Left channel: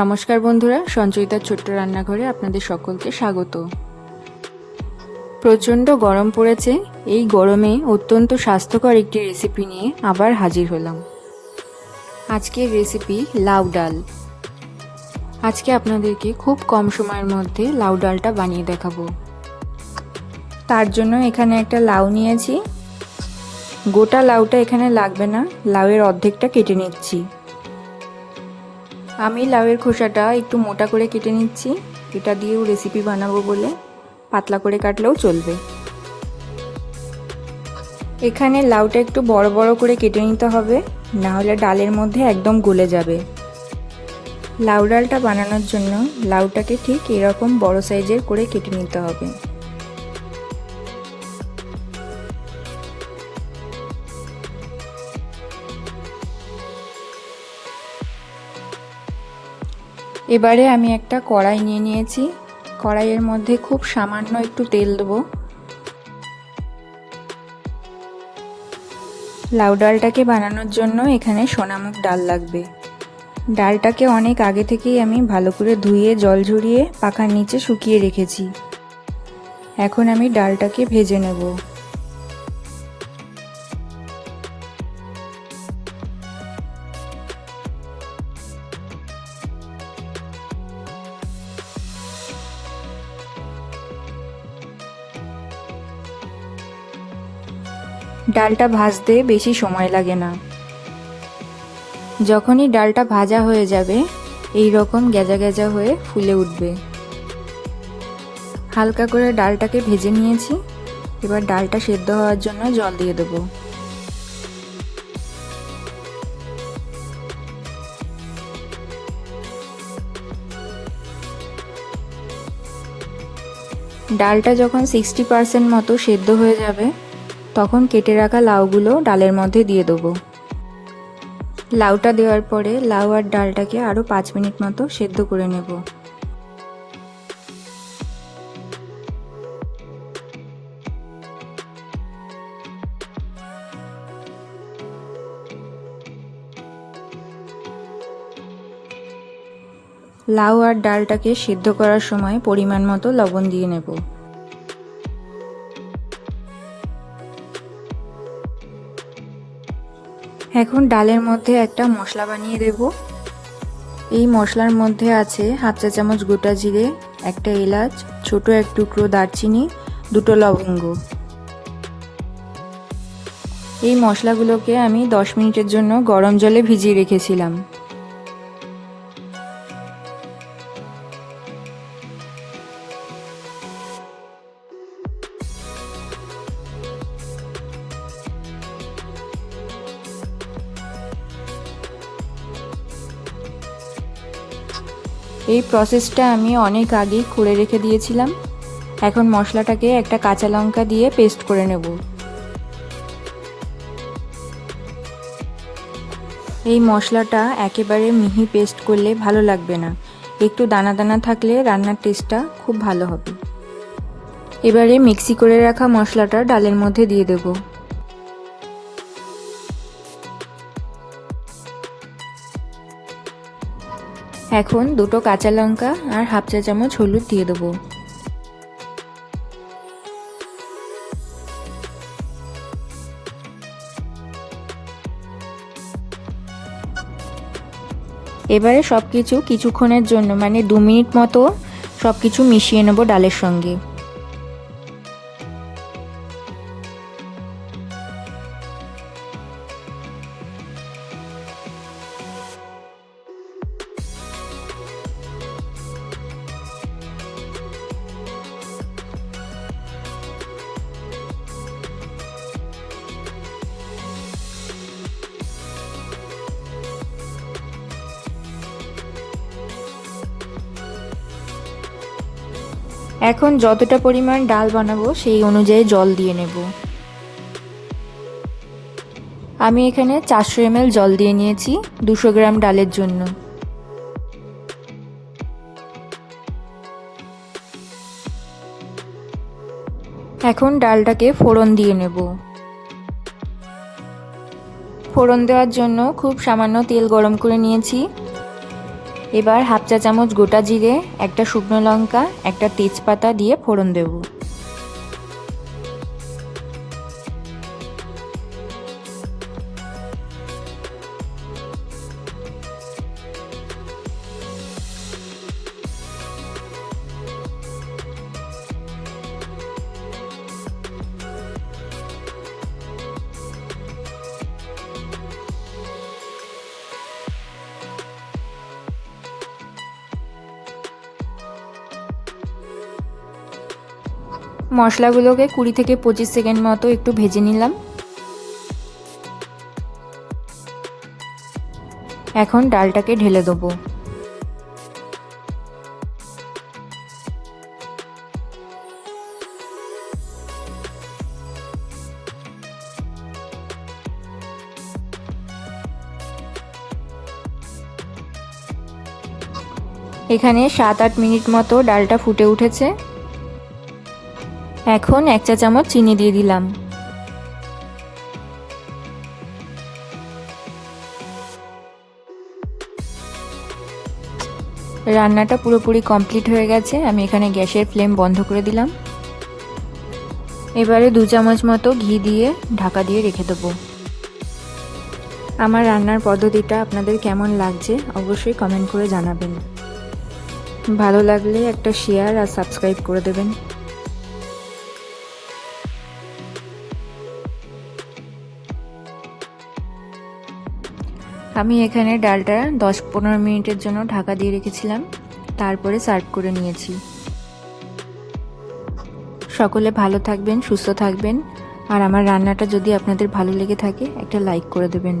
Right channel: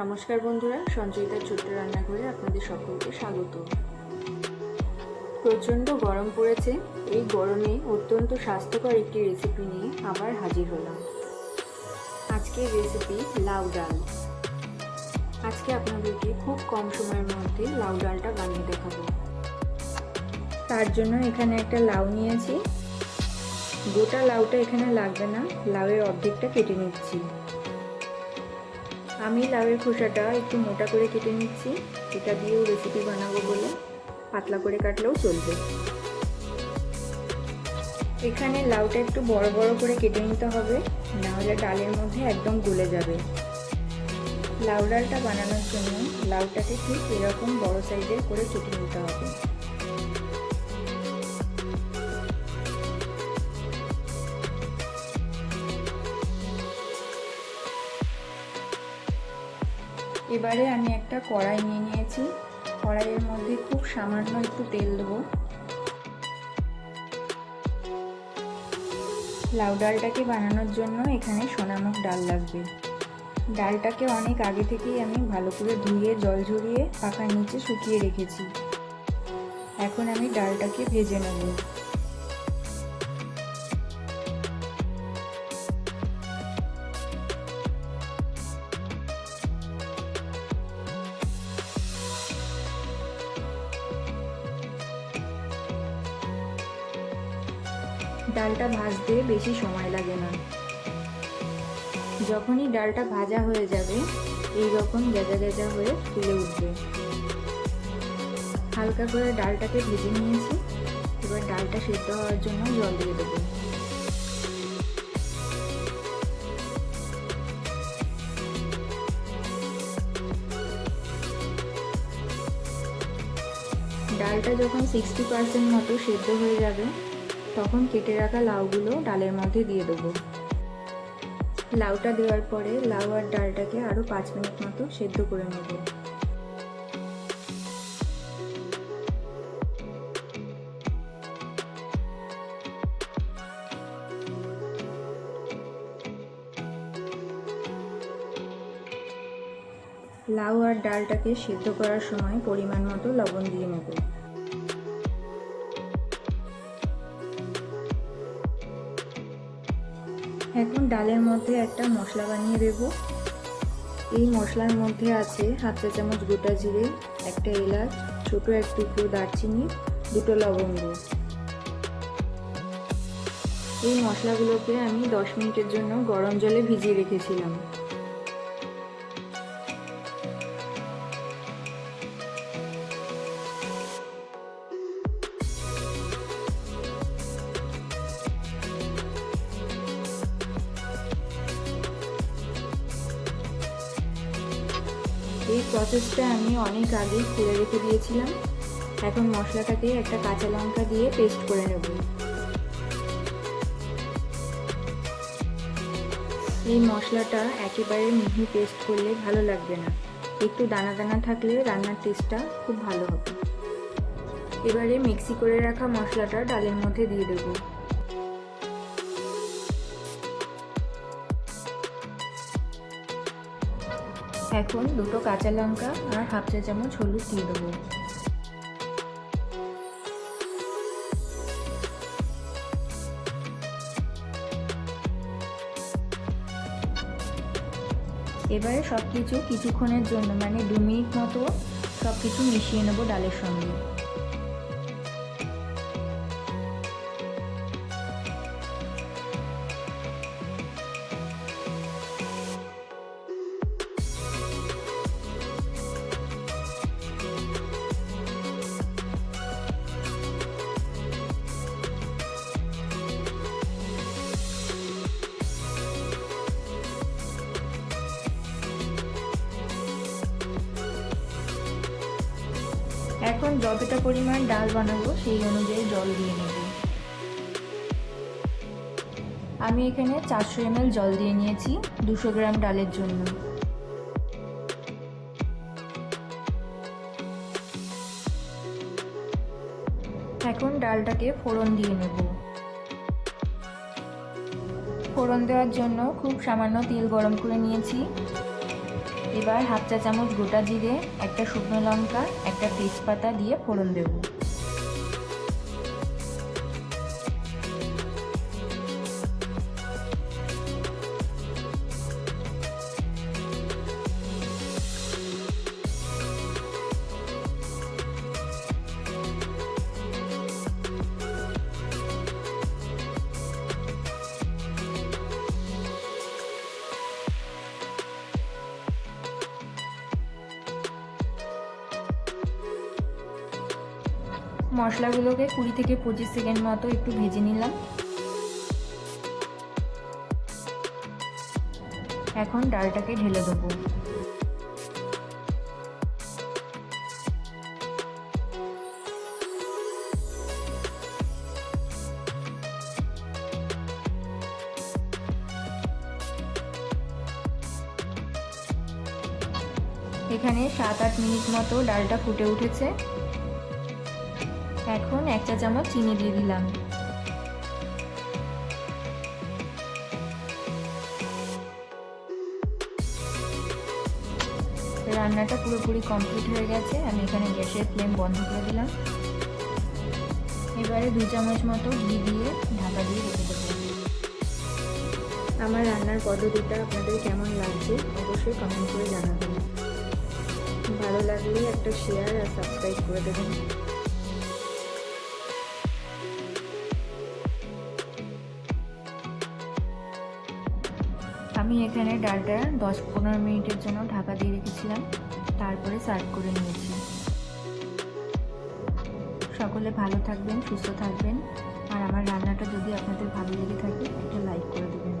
নমস্কার বন্ধুরা, সঞ্চয়িতার ছোট্ট রান্নাঘরে আপনাদের সকলকে স্বাগত। প্রচণ্ড গরম পড়েছে। এই গরমে অত্যন্ত স্বাস্থ্যকর একটি রেসিপি নিয়ে আবার হাজির হলাম। আজকের রেসিপি লাউ ডাল। আজকে আপনাদেরকে খুব কম সময়ের মধ্যে লাউ ডালটা বানিয়ে দেখাবো। তার জন্য এখানে একটা লাউ নিয়েছি। গোটা লাউটা এখানে লাগবে না, লাউয়ের অর্ধেকটা কেটে নিচ্ছি। আমি লাউয়ের খোসাটা একটু মোটা করে কেটে নিচ্ছি, এটা দিয়েও রেসিপি বানাবো বলে। পাতলা করে কাটলেও চলবে। এখানে লাউটা একটু বড় বড় করে কেটে নিতে হবে, না হলে ডালের মধ্যে একদম গলে যাবে। লাউ ডালটা বানানোর জন্য লাউটাকে ঠিক এরকম বড় সাইজের করে কেটে নিতে হবে। এবারে আমি একটা কড়াই নিয়ে নিয়েছি। কড়াইয়ের মধ্যে খুব সামান্য একটু তেল দেবো। লাউ ডালটাকে বানানোর জন্য এখানে সোনামুগ ডাল লাগবে। ডালটাকে অনেক আগে থেকেই আমি ভালো করে ধুয়ে জল ঝরিয়ে পাখার নিচে শুকিয়ে রেখেছি। এখন আমি ডালটাকে ভেজে নেব। ডালটা ভাজতে বেশি সময় লাগে না। যখনই ডালটা ভাজা হয়ে যাবে, এই রকম গেজা গেজা হয়ে ফুলে উঠবে। হালকা করে ডালটাকে ভেজে নিয়েছি। এবার ডালটা সেদ্ধ হওয়ার জন্য জল দিয়ে দেবো। ডালটা যখন 60% মতো সেদ্ধ হয়ে যাবে, তখন কেটে রাখা লাউগুলো ডালের মধ্যে দিয়ে দেবো। লাউটা দেওয়ার পরে লাউ আর ডালটাকে আরও 5 মিনিট মতো সেদ্ধ করে নেব। লাউ আর ডালটাকে সিদ্ধ করার সময় পরিমাণ মতো লবণ দিয়ে নেব। এখন ডালের মধ্যে একটা মশলা বানিয়ে দেব। এই মশলার মধ্যে আছে হাফ চা চামচ গোটা জিরে, একটা এলাচ, ছোট এক টুকরো দারচিনি, 2টো লবঙ্গ। এই মশলাগুলোকে আমি 10 মিনিটের জন্য গরম জলে ভিজিয়ে রেখেছিলাম। এই প্রসেসটা আমি অনেক আগেই করে রেখে দিয়েছিলাম। এখন মশলাটাকে একটা কাঁচা লঙ্কা দিয়ে পেস্ট করে নেব। এই মশলাটা একেবারে মিহি পেস্ট করলে ভালো লাগবে না, একটু দানা দানা থাকলে রান্নার টেস্টটা খুব ভালো হবে। এবারে মিক্সি করে রাখা মশলাটা ডালের মধ্যে দিয়ে দেব। এখন 2টো কাঁচা লঙ্কা আর হাফ চা চামচ হলুদ দিয়ে দেবো। এবারে সব কিছু কিছুক্ষণের জন্য মানে 2 মিনিট মতো সব কিছু মিশিয়ে নেব ডালের সঙ্গে। এখন যতটা পরিমাণ ডাল বানাবো সেই অনুযায়ী জল দিয়ে নেব। আমি এখানে 400 ml জল দিয়ে নিয়েছি 200 গ্রাম ডালের জন্য। এখন ডালটাকে ফোড়ন দিয়ে নেব। ফোড়ন দেওয়ার জন্য খুব সামান্য তেল গরম করে নিয়েছি। এবার হাফ চা চামচ গোটা জিরে, একটা শুকনো লঙ্কা, একটা তেজপাতা দিয়ে ফোড়ন দেব। মশলাগুলোকে 20 থেকে 25 সেকেন্ড মতো একটু ভেজে নিলাম। এখন ডালটাকে ঢেলে দেবো। এখানে 7-8 মিনিট মতো ডালটা ফুটে উঠেছে। এখন 1 চা চামচ চিনি দিয়ে দিলাম। রান্নাটা পুরোপুরি কমপ্লিট হয়ে গেছে। আমি এখানে গ্যাসের ফ্লেম বন্ধ করে দিলাম। এবারে 2 চামচ মতো ঘি দিয়ে ঢাকা দিয়ে রেখে দেবো। আমার রান্নার পদ্ধতিটা আপনাদের কেমন লাগছে অবশ্যই কমেন্ট করে জানাবেন। ভালো লাগলে একটা শেয়ার আর সাবস্ক্রাইব করে দেবেন। আমি এখানে ডালটা 10-15 মিনিটের জন্য ঢাকা দিয়ে রেখেছিলাম, তারপরে সার্ভ করে নিয়েছি। সকলে ভালো থাকবেন, সুস্থ থাকবেন, আর আমার রান্নাটা যদি আপনাদের ভালো লেগে থাকে একটা লাইক করে দেবেন।